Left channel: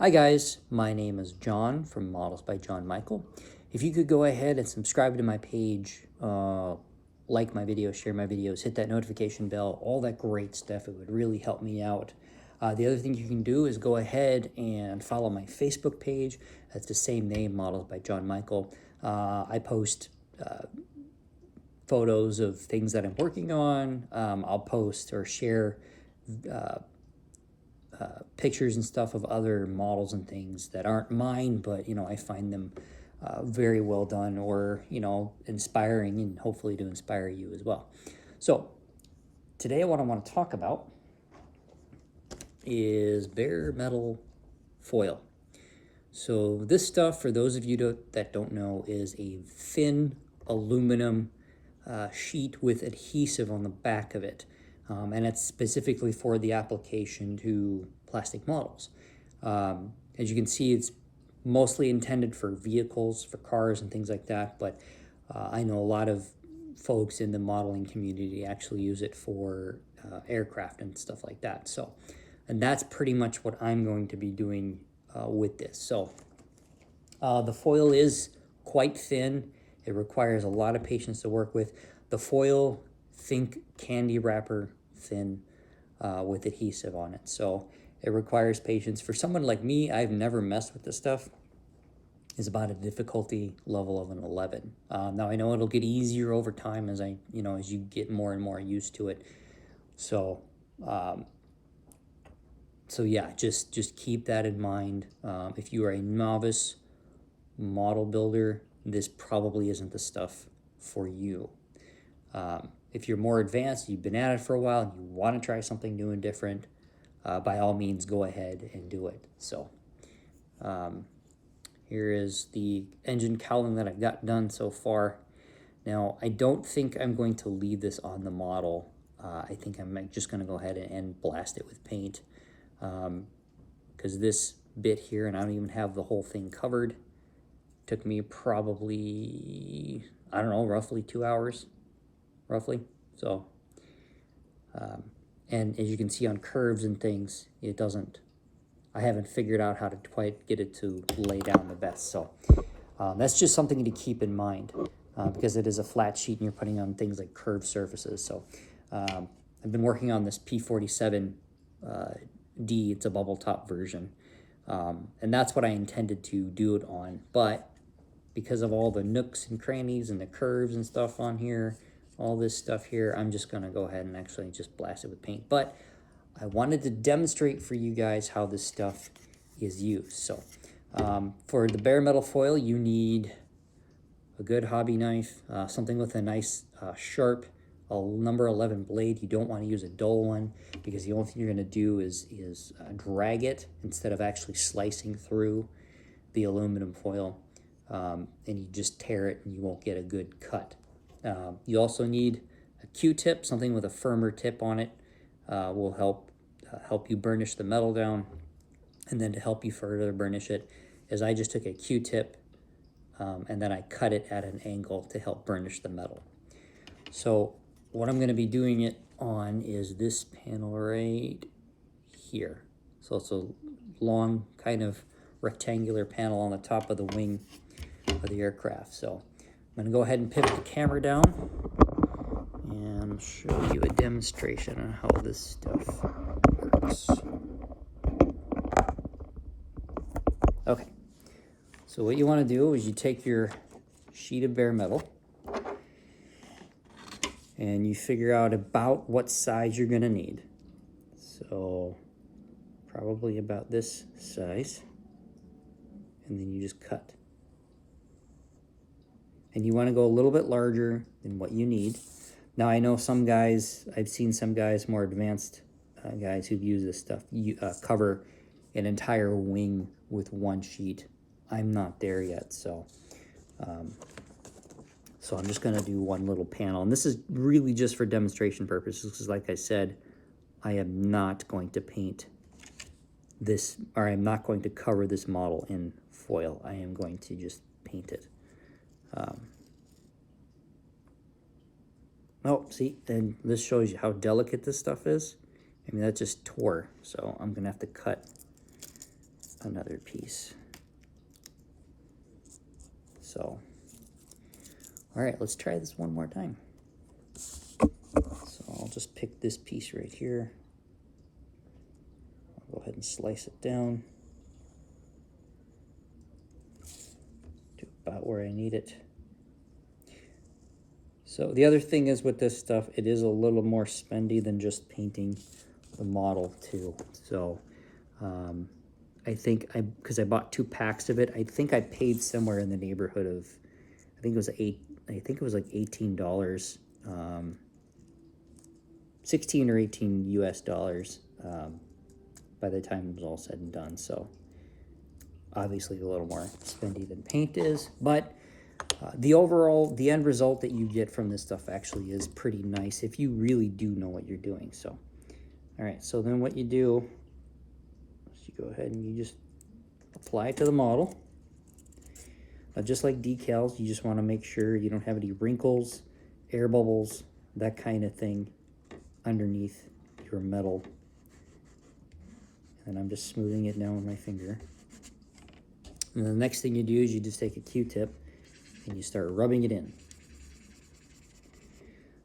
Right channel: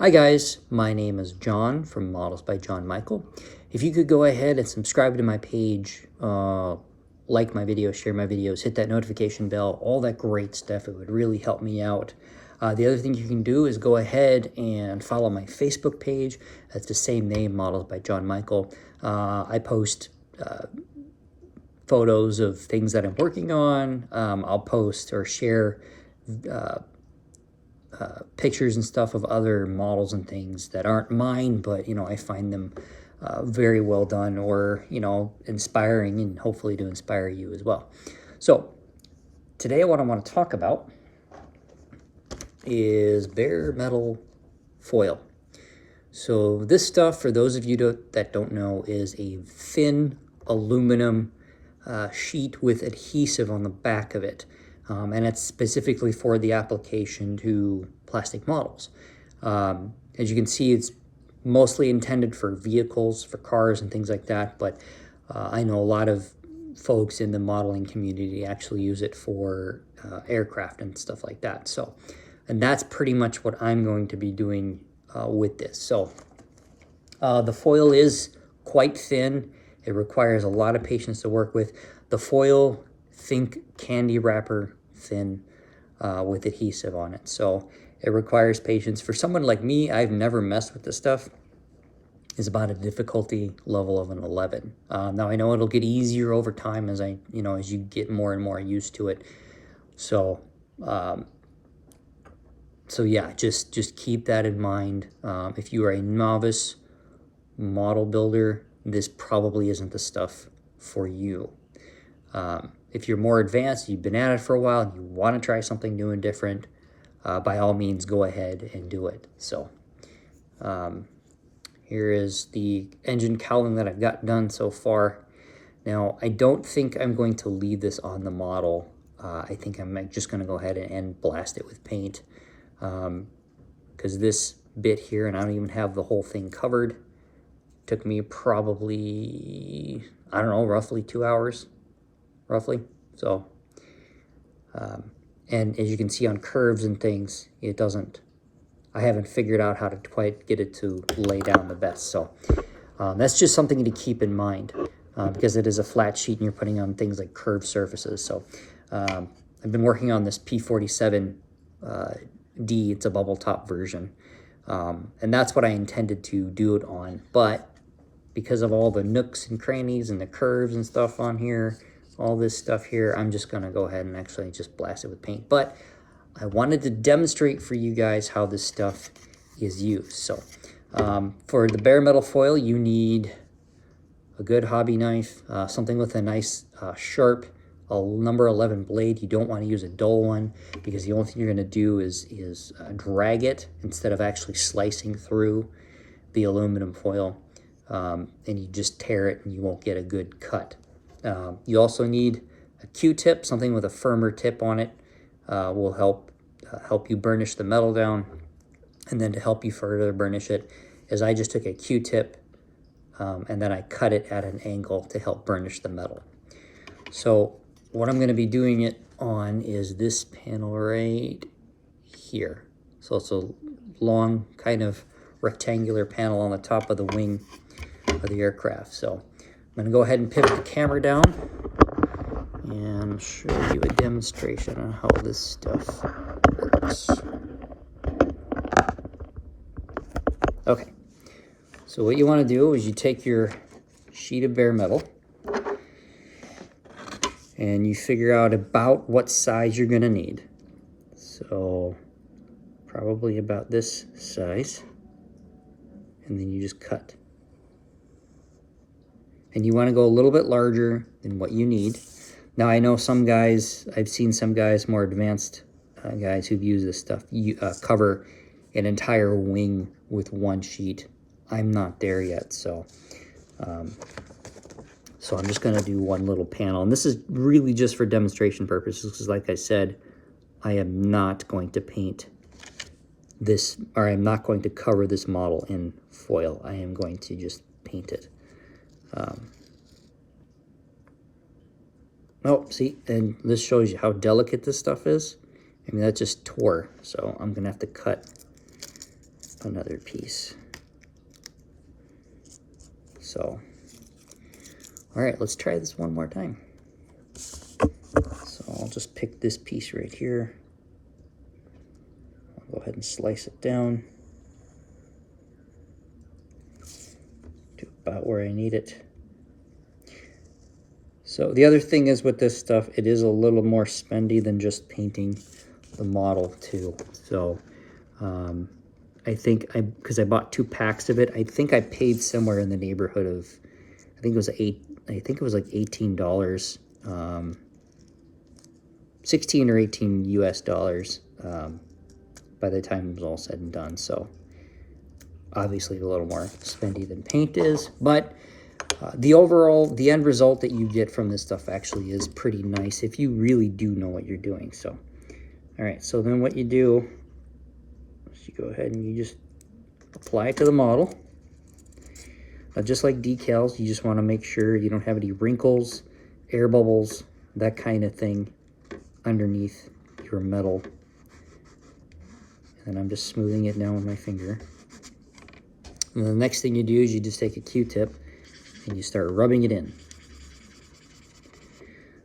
Hi guys, my name is John from Models by John Michael. If you could go ahead and subscribe to my page, like my videos, share my videos, hit that notification bell, all that great stuff, it would really help me out. The other thing you can do is go ahead and follow my Facebook page. That's the same name, Models by John Michael. I post photos of things that I'm working on. I'll post or share pictures and stuff of other models and things that aren't mine, but I find them very well done, or inspiring, and hopefully to inspire you as well. So today what I want to talk about is bare metal foil. So this stuff, for those of you that don't know, is a thin aluminum sheet with adhesive on the back of it. And it's specifically for the application to plastic models. As you can see, it's mostly intended for vehicles, for cars and things like that, but I know a lot of folks in the modeling community actually use it for aircraft and stuff like that. So, and that's pretty much what I'm going to be doing with this. So the foil is quite thin. It requires a lot of patience to work with. The foil, think candy wrapper thin with adhesive on it. So it requires patience. For someone like me, I've never messed with this stuff. It's about a difficulty level of an 11. Now I know it'll get easier over time as as you get more and more used to it. So, so yeah, just keep that in mind. If you are a novice model builder, this probably isn't the stuff for you. If you're more advanced, you've been at it for a while, and you want to try something new and different, by all means, go ahead and do it. So here is the engine cowling that I've got done so far. Now, I don't think I'm going to leave this on the model. I think I'm just going to go ahead and blast it with paint, because this bit here, and I don't even have the whole thing covered, took me probably, I don't know, roughly 2 hours, roughly. So, and as you can see on curves and things, I haven't figured out how to quite get it to lay down the best. So that's just something to keep in mind, because it is a flat sheet and you're putting on things like curved surfaces. So I've been working on this P47D, it's a bubble top version. And that's what I intended to do it on, but because of all the nooks and crannies and the curves and stuff on here, all this stuff here, I'm just gonna go ahead and actually just blast it with paint. But I wanted to demonstrate for you guys how this stuff is used. So for the bare metal foil, you need a good hobby knife, something with a nice sharp number 11 blade. You don't want to use a dull one, because the only thing you're going to do is drag it instead of actually slicing through the aluminum foil, and you just tear it and you won't get a good cut. You also need a Q-tip, something with a firmer tip on it. Will help you burnish the metal down. And then to help you further burnish it, is I just took a Q-tip and then I cut it at an angle to help burnish the metal. So what I'm going to be doing it on is this panel right here. So it's a long kind of rectangular panel on the top of the wing of the aircraft. So I'm going to go ahead and pivot the camera down and show you a demonstration on how this stuff works. Okay, so what you want to do is you take your sheet of bare metal and you figure out about what size you're going to need. So probably about this size, and then you just cut. And you want to go a little bit larger than what you need. Now I know some guys, I've seen some guys, more advanced guys who've used this stuff, cover an entire wing with one sheet. I'm not there yet, so I'm just going to do one little panel. And this is really just for demonstration purposes, because like I said, I am not going to paint this, or I'm not going to cover this model in foil. I am going to just paint it. Oh, see, and this shows you how delicate this stuff is. I mean, that just tore, so I'm going to have to cut another piece. So, all right, let's try this one more time. So I'll just pick this piece right here. I'll go ahead and slice it down to about where I need it. So the other thing is with this stuff, it is a little more spendy than just painting the model too. So I think because I bought 2 packs of it, I think I paid somewhere in the neighborhood of, I think it was like $18, 16 or 18 US dollars by the time it was all said and done. So obviously a little more spendy than paint is, but the end result that you get from this stuff actually is pretty nice if you really do know what you're doing. So, all right, so then what you do is you go ahead and you just apply it to the model. Just like decals, you just want to make sure you don't have any wrinkles, air bubbles, that kind of thing underneath your metal. And I'm just smoothing it down with my finger. And the next thing you do is you just take a Q-tip and you start rubbing it in.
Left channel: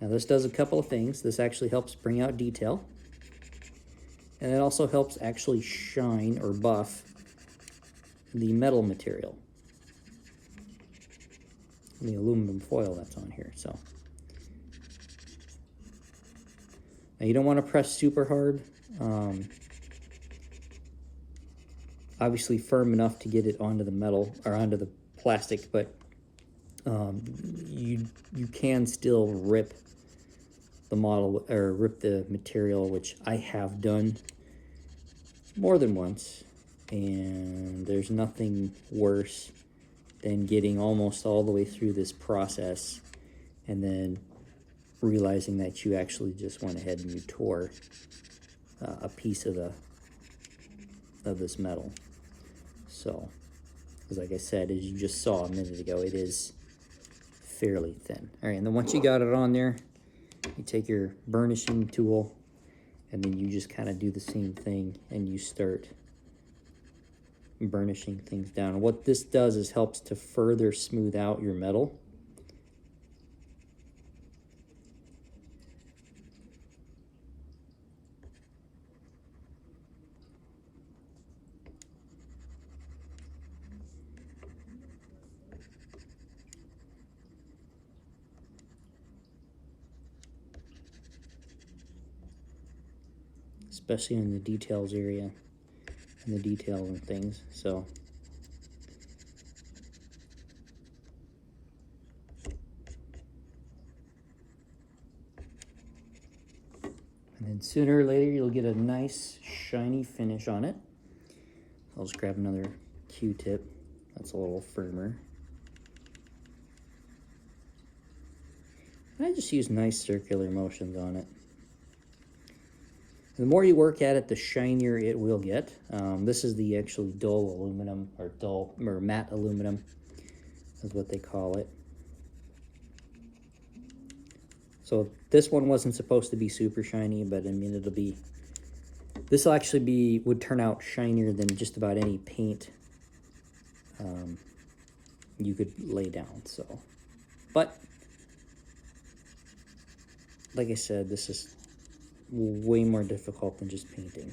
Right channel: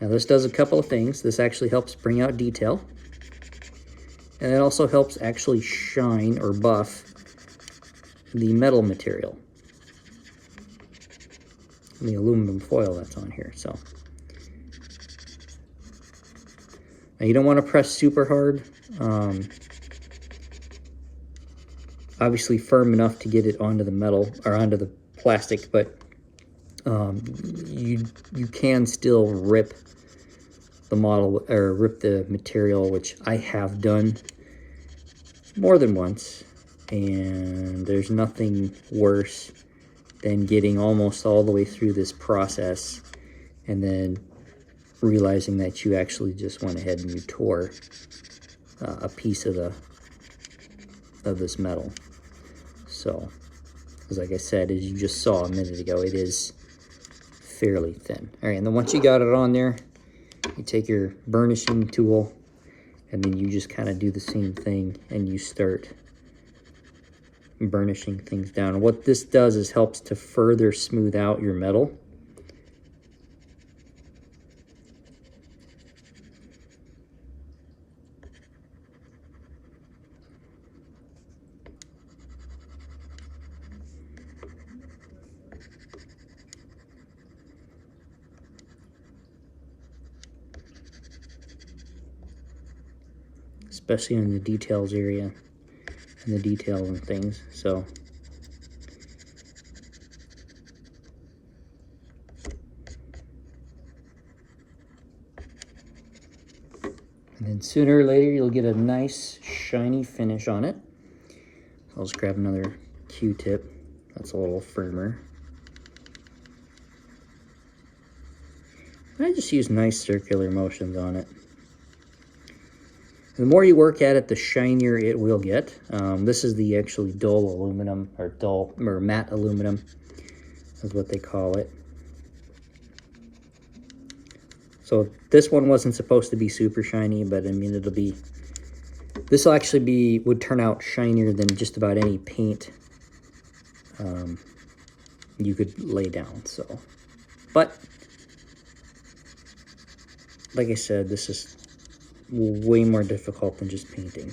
Now this does a couple of things. This actually helps bring out detail. And it also helps actually shine or buff the metal material, the aluminum foil that's on here. So now you don't want to press super hard. Obviously firm enough to get it onto the metal or onto the plastic, but you can still rip the model or rip the material, which I have done more than once, and there's nothing worse than getting almost all the way through this process and then realizing that you actually just went ahead and you tore a piece of this metal. So, because like I said, as you just saw a minute ago, it is fairly thin. All right, and then once you got it on there, you take your burnishing tool and then you just kind of do the same thing and you start burnishing things down. And what this does is helps to further smooth out your metal. Especially in the details area and the detail and things. So and then sooner or later you'll get a nice shiny finish on it. I'll just grab another Q-tip that's a little firmer. I just use nice circular motions on it. The more you work at it, the shinier it will get. This is the actually dull aluminum, or matte aluminum is what they call it. So this one wasn't supposed to be super shiny, but I mean this will actually would turn out shinier than just about any paint you could lay down. So, but like I said, this is way more difficult than just painting.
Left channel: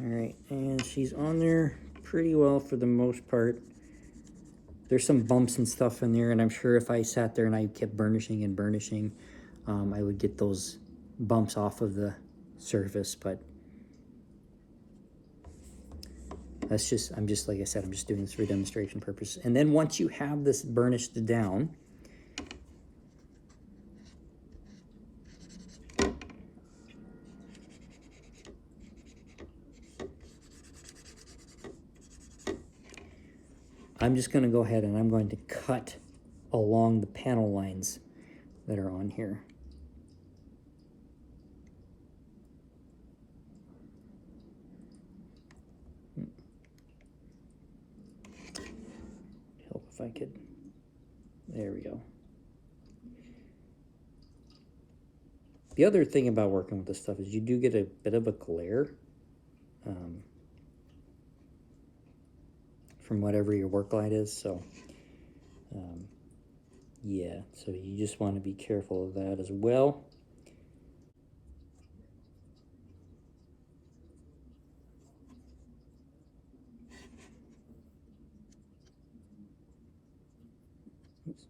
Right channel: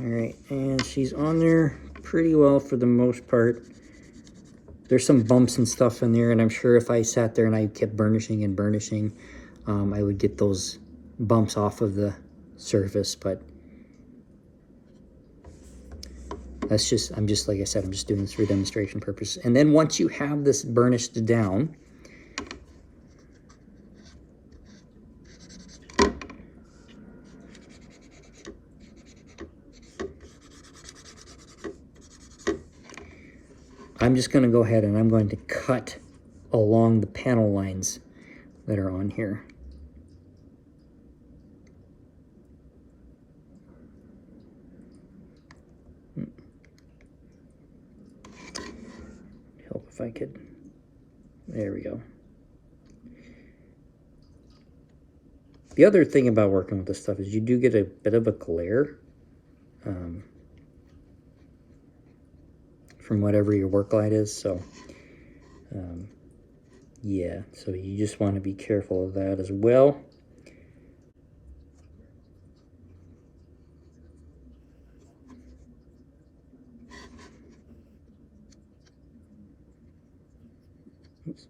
All right, and she's on there pretty well for the most part. There's some bumps and stuff in there, and I'm sure if I sat there and I kept burnishing and burnishing, I would get those bumps off of the surface, but that's just, like I said, I'm just doing this for demonstration purpose. And then once you have this burnished down, I'm just going to go ahead and I'm going to cut along the panel lines that are on here. Help if I could. There we go. The other thing about working with this stuff is you do get a bit of a glare from whatever your work light is. So yeah, so you just want to be careful of that as well. Oops.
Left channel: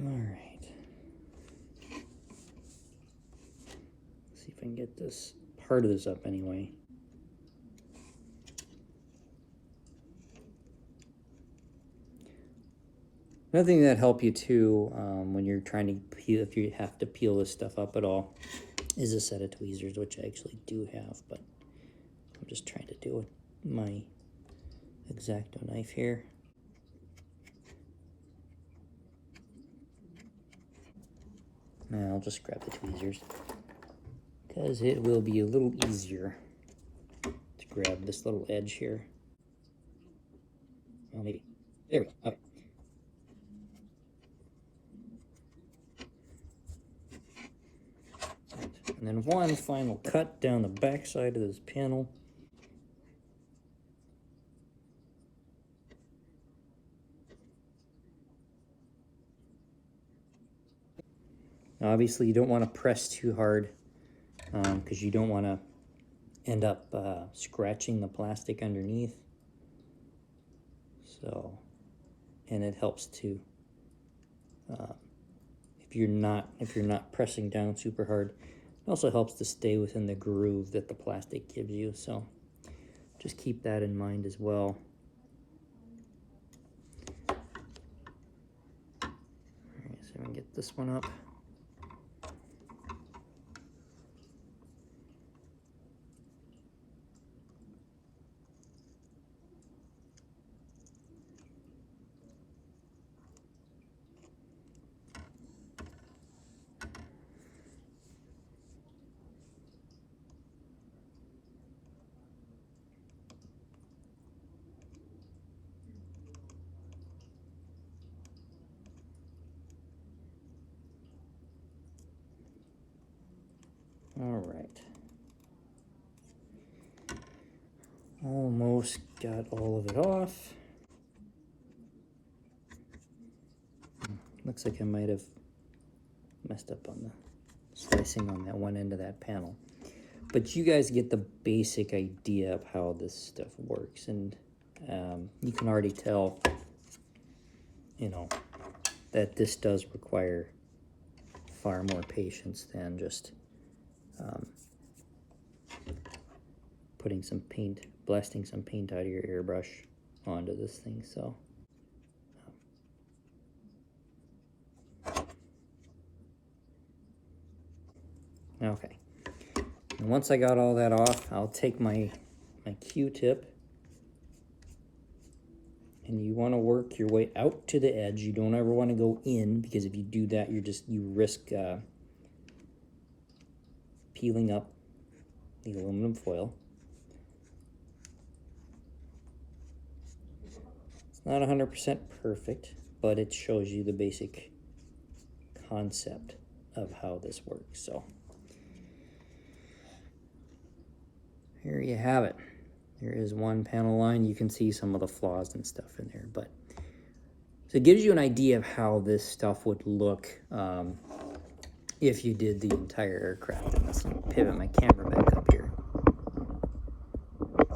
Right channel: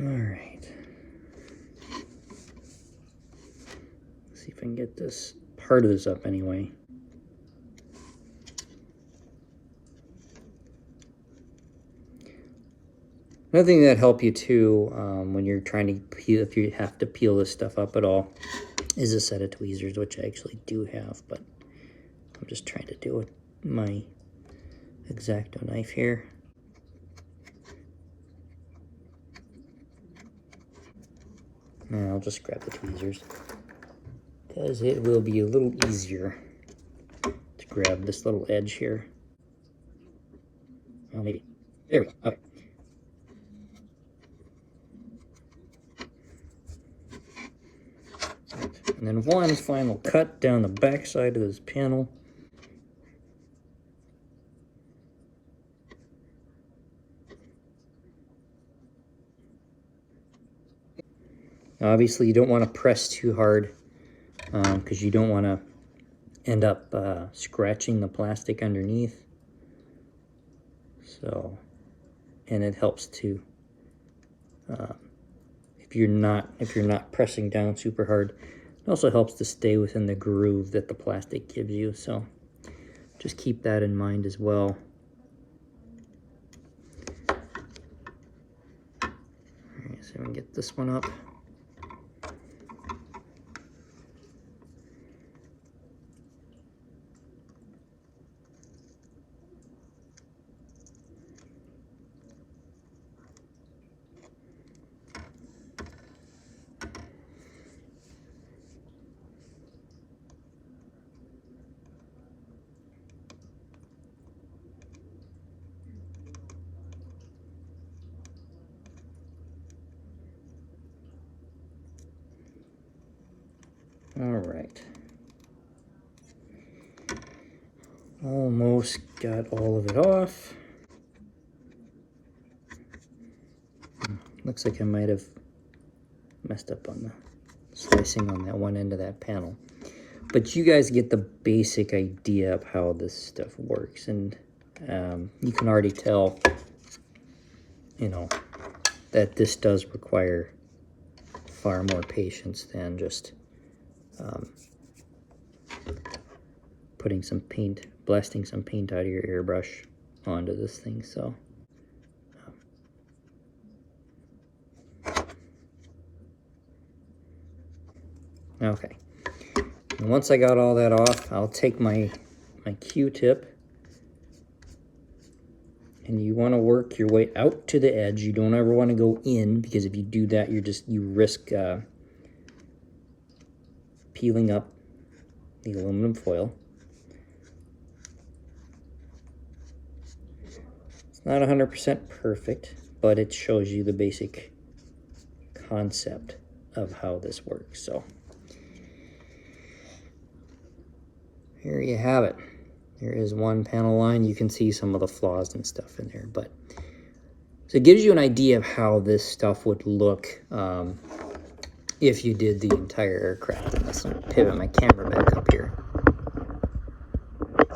All right. Let's see if I can get this part of this up anyway. Another thing that help you too when you're trying to peel, if you have to peel this stuff up at all, is a set of tweezers, which I actually do have, but I'm just trying to do it with my X-Acto knife here. And I'll just grab the tweezers because it will be a little easier to grab this little edge here. Well, maybe. There we go. Okay. And then one final cut down the back side of this panel. Obviously, you don't want to press too hard because you don't want to end up scratching the plastic underneath. So, and it helps to if you're not pressing down super hard. It also helps to stay within the groove that the plastic gives you. So, just keep that in mind as well. All right, so we can get this one up. All right. Almost got all of it off. Looks like I might have messed up on the slicing on that one end of that panel. But you guys get the basic idea of how this stuff works. And you can already tell, you know, that this does require far more patience than just putting some paint, blasting some paint out of your airbrush onto this thing. So okay, and once I got all that off, I'll take my Q-tip, and you want to work your way out to the edge. You don't ever want to go in, because if you do that, you risk peeling up the aluminum foil. It's not 100% perfect, but it shows you the basic concept of how this works. So here you have it. There is one panel line. You can see some of the flaws and stuff in there, but so it gives you an idea of how this stuff would look if you did the entire aircraft. And let's pivot my camera back up here.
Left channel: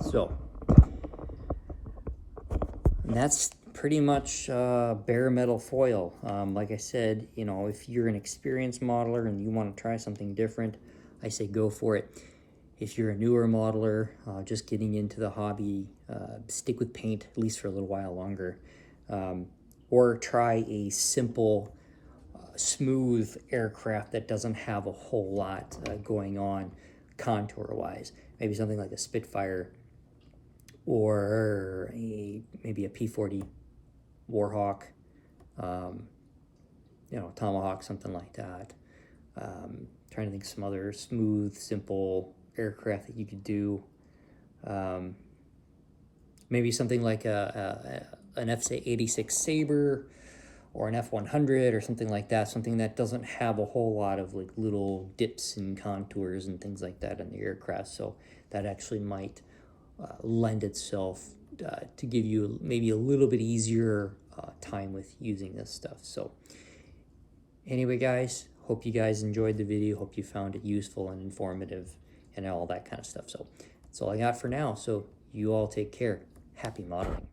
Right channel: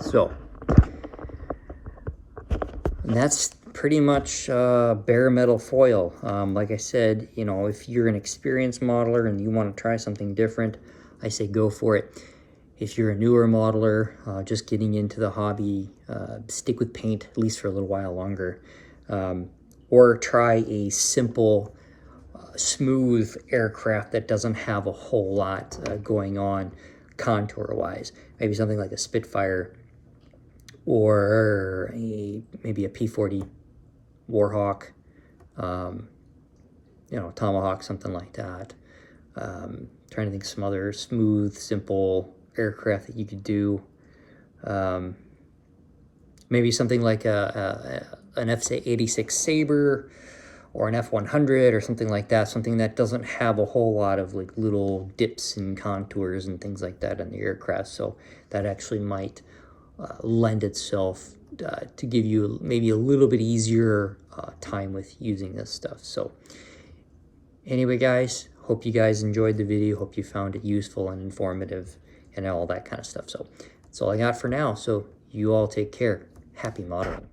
So, and that's pretty much bare metal foil. Like I said, you know, if you're an experienced modeler and you want to try something different, I say go for it. If you're a newer modeler, just getting into the hobby, stick with paint at least for a little while longer. Or try a simple, smooth aircraft that doesn't have a whole lot going on contour-wise. Maybe something like a Spitfire or maybe a P-40 Warhawk, you know, Tomahawk, something like that. Trying to think of some other smooth, simple aircraft that you could do. maybe something like an F-86 Sabre or an F-100 or something like that, something that doesn't have a whole lot of like little dips and contours and things like that in the aircraft. So that actually might lend itself to give you maybe a little bit easier time with using this stuff. So anyway, guys, hope you guys enjoyed the video. Hope you found it useful and informative and all that kind of stuff. So that's all I got for now. So you all take care. Happy modeling.